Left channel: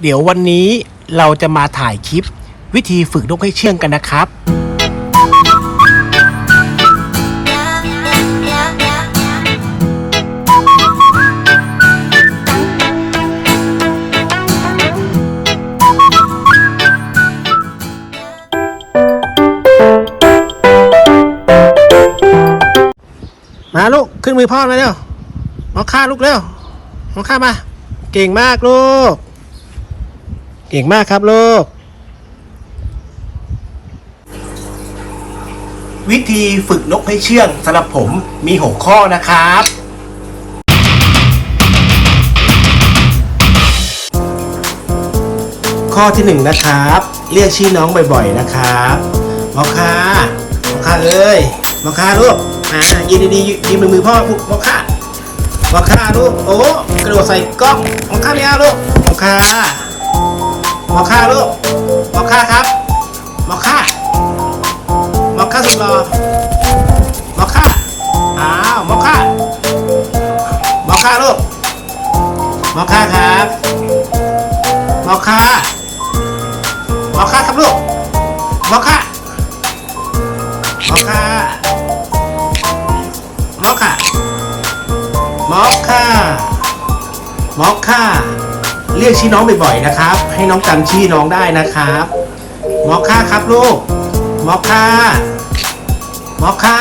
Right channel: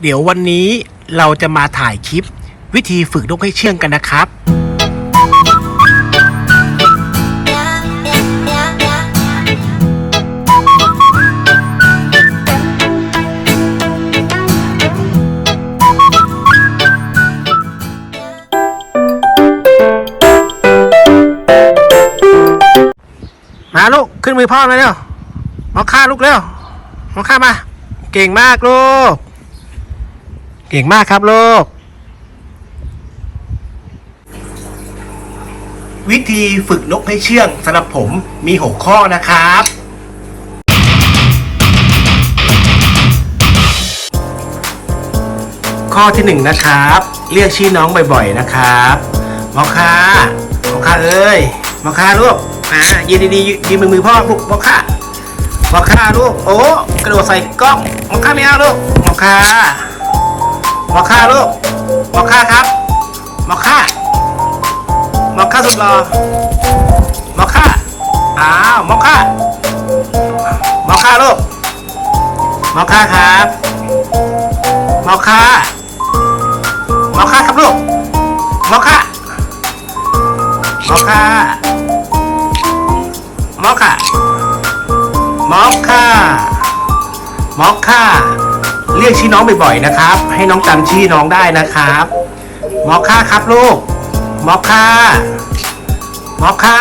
เดี๋ยววันนี้เราจะมาถ่ายคลิป วิธีฝึกนกให้เชื่องกันนะครับ มาลูก ขึ้นมือพ่อมาเร็วมาฆ่าลูกเร็วมาฆ่ามา เก่งมากลูก เก่งมากครับลูก วิธีฝึกนกให้เชื่องสำหรับผมมีหกข้อนะครับ ข้อที่หนึ่งนะครับ เรียกชื่อน้องบ่อยๆนะครับมอค่ามอค่าเอ้ยมอค่าลูกอ่ายืนดีๆยืนมือมือพ่อลูกมอค่ามอค่าลูกโอ้กระโดดใส่กล้องมอค่าไม่เอาลูกมอค่า มอคาลูกมอคาครับมอคามอคาสุดหล่อมอคาอ้าวมอคามอคาลูกมอคาครับมอคามอคาครับลูกมอคามอคามอคามอคามอคา เรียกชื่อน้องบ่อยๆนะครับ ให้น้องจำชื่อน้องได้นะครับมอคาครับลูกมอคามอคา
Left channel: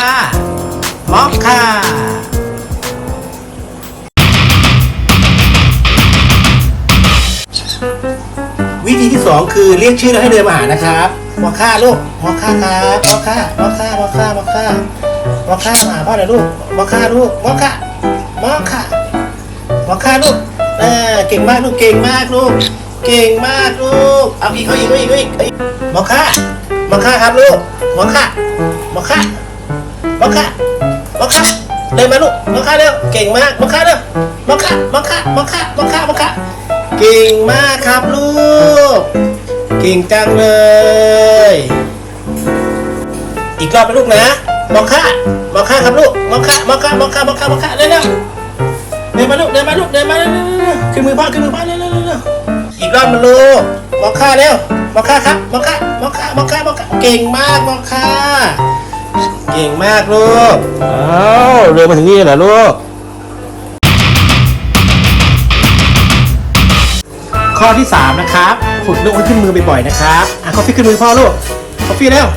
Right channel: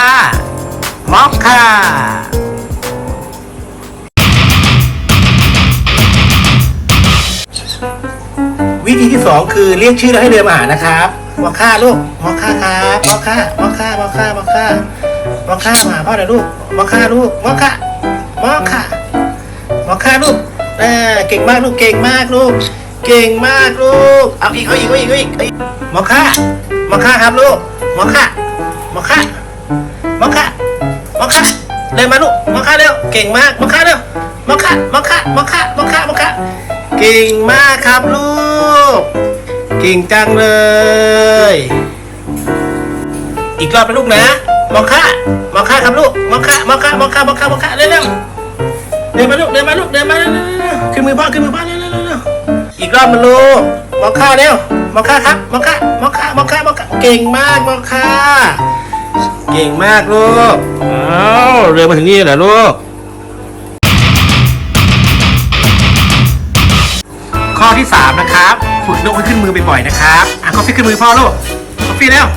มอคาวิธีที่สองคือเรียกชื่อแล้วให้เดินมาหานะครับมอค่าลูกมอค่าครับมอค่ามอค่ามอค่ามอค่ามอค่ามาหาพ่อหน่อยลูกมอค่าลูกมอค่ามอค่ามอค่าลูก เออเก่งมากลูกเก่งมากลูก เก่งมากลูก เอาอีกเอาอีกเอาอีกเอาอีกเอาอีกมอค่ามอค่าครับลูกหมอค่ามอค่ามอค่ามอค่าเดินมาลูกหมอค่าเร็วเก่งมากหมอค่าเร็วหมอค่ามอค่ามอค่ามอค่ามอค่าเก่งมากครับลูก เก่งจังเลย อีกรอบนะลูกนะหมอค่ามอค่าครับลูกหมอค่ามอค่ามอค่ามอค่ามอค่าเร็วเร็ว ดินมาลูกเดินมาลูกเดินมาเร็วเร็วเร็วขึ้นมือพ่อขึ้นมือพ่อเร็วเร็วเร็วเร็วอีกรอบมาลูกมอค่าเร็วมอค่าครับมอค่ามอค่ามอค่ามอค่าเก่งมากมอค่าเก่งมากลูกอ้าวเรือมาถึงนี่เหรอลูกข้อที่3นะครับฝึกนกให้ขึ้นมือบ่อยๆนะครับอะคอฟฟี่ขึ้นมือพ่อลูกคอฟฟี่เร็ว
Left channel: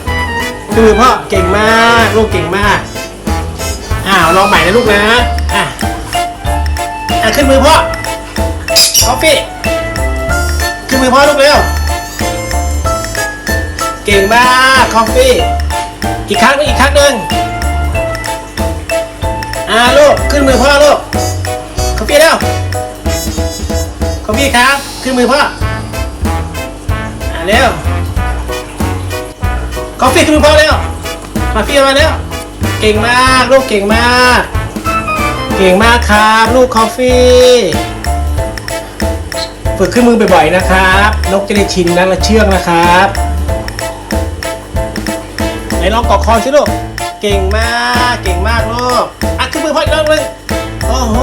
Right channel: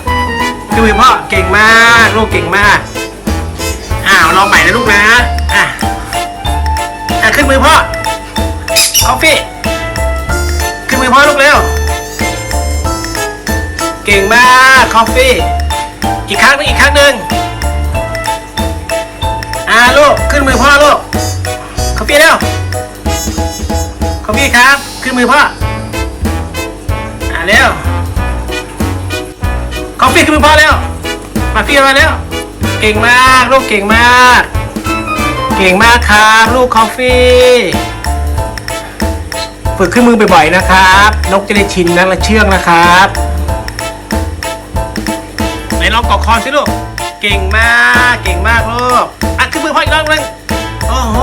ขึ้นมือพ่อเก่งมากลูกเก่งมากอ้าวลองใหม่นะลูกนะอะ อะขึ้นมือพ่อคอฟฟี่ขึ้นมือพ่อลูกเร็ว เก่งมากคอฟฟี่ อีกครั้งหนึงอีกครั้งหนึ่งอ่าลูกขึ้นมือพ่อลูกคอฟฟี่เร็วคอมพี่ครับขึ้นมือพ่ออ่าเร็วคอฟฟี่ขึ้นมือพ่อเร็วมาฟี่มาเร็วเก่งมากลูกเก่งมาก ก่งมากครับลูกคอฟฟี่ ฝึกขึ้นมือบ่อยๆนะครับ นกจะได้ชินนักและเชื่องนะครับไหนลองกอกคอสิลูก เก่งมาก เก่งมากลูกอะขึ้นมือพ่ออีกรอบหนึงโอ้โห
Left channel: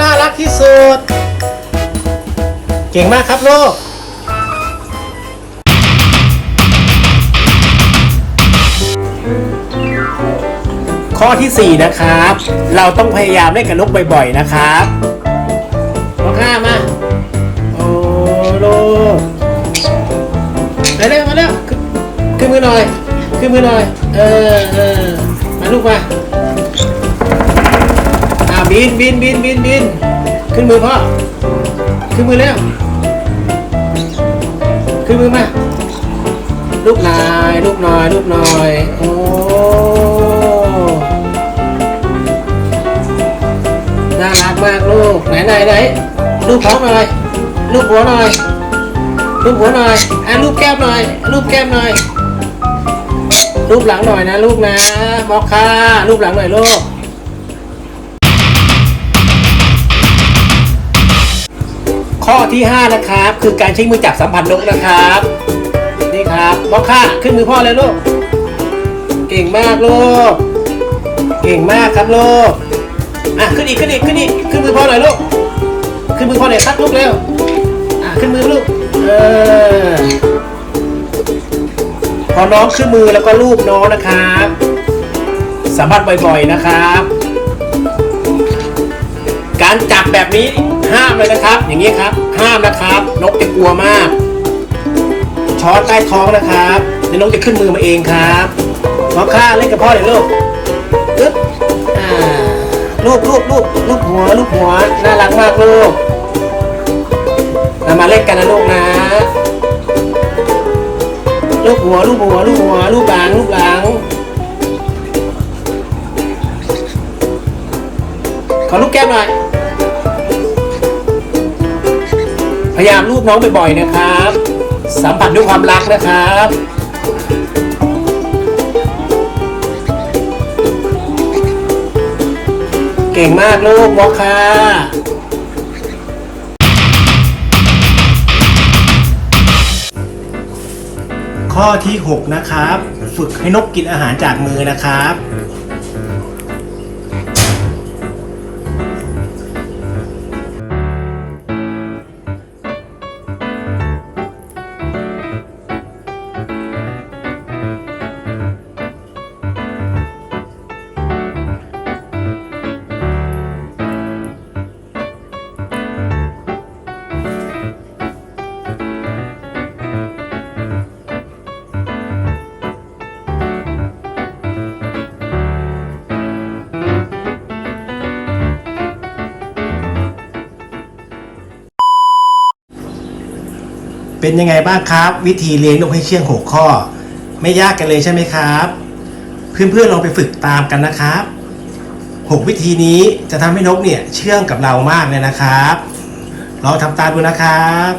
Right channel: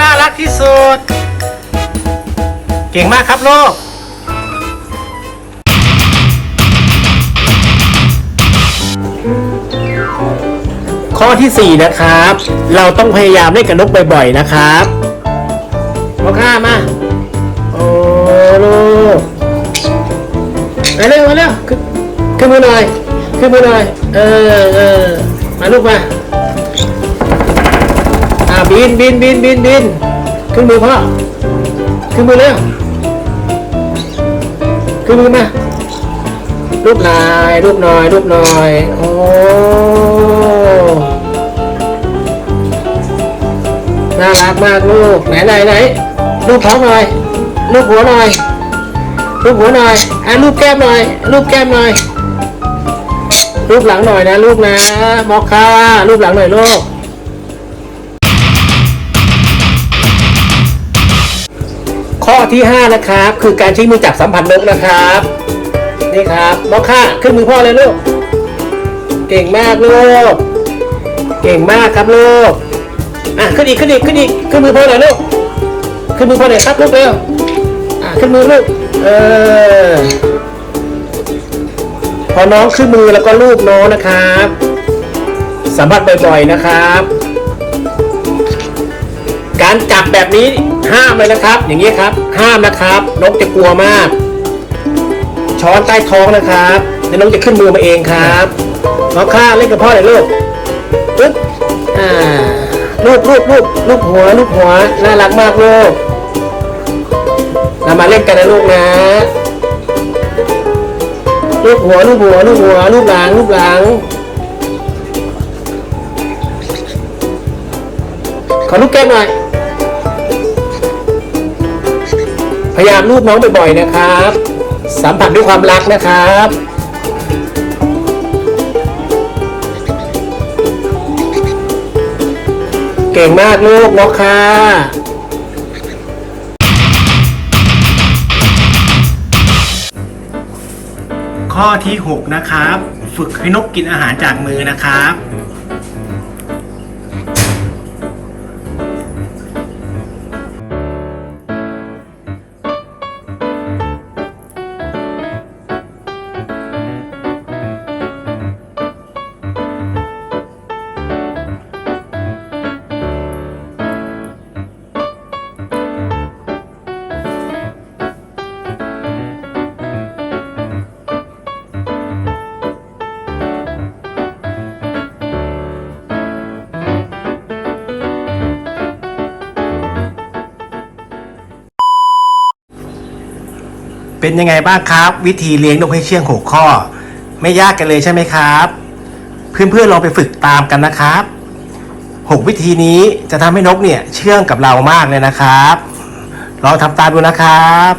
น่ารักที่สุด เก่งมากครับลูก ข้อที่ 4 นะครับ เราต้องพยายามเล่นกับนกบ่อยๆนะครับมาข้ามาโอ้โลูกไปเร็วมาเร็วขึ้นมาหน่อยขึ้นมาหน่อยเออเออมาลูกมาอ่าบินบินบินบินบินขึ้นมือพ่อขึ้นมาเร็วขึ้นมาเนี่ยลูกหน่อยลูกหน่อยลูกหน่อยโอ้ มากลูกไหนไหนไหนลูกท้องหน่อยลูกหัวหน่อยลูกหัวหน่อยไอ้ลูกแก้มหน่อยลูกแก้มหน่อยลูกหลังหน่อยนะลูกนะมอคค่าลูกหลังหน่อยลูกข้อที่ 5 นะครับ คือการใช้มือจับสัมผัสนกนะครับนี่ครับมอคค่าขึ้นมือพ่อเลยลูกเก่งมากลูกเก่งมากครับลูก อะขึ้นอีกขึ้นอีกขึ้นอีกขึ้นมือพ่อหน่อยลูกขึ้นมือพ่อหน่อยครับลูกเร็วอะขึ้นมือลูกเออพอน้องขึ้นมือแล้วก็ลูบน้องนะครับสัมผัสบ่อยๆนะครับ การจับแบบนี้ห้ามเลยนะครับ อย่างนี้ครับ ห้ามนะครับนกจะกลัวมาก ช้อนใต้ท้องนะครับเดี๋ยวน้องจะขึ้นมือมาเองครับน้องข้าเล่นกับพ่อหน่อยลูกปึ๊บอ่า กลูกลูกลูกหัวลูกหัวน่ารักมากลูกเรามาเล่นกันนะลูกนะลูกหัวลูกหัวลูกหัวลูกหลังลูกหลังขอลูกแก้มหน่อยพยายามลูบน้องบ่อยๆนะครับ สัมผัสด้วยความรักนะครับ ก่งมากลูกวอกค่ะข้อที่ 6 นะครับ ฝึกให้นกกินอาหารจากมือนะครับ เป็นยังไงบ้างครับ วิธีเลี้ยงนกให้เชื่องหกข้อ ไม่ยากกันเลยใช่ไหมครับ เพื่อนๆลองไปฝึกตามกันนะครับหกวิธีนี้จะทำให้นกเนี่ยเชื่องกับเรามากเลยนะครับ ลองทำตามดูนะครับ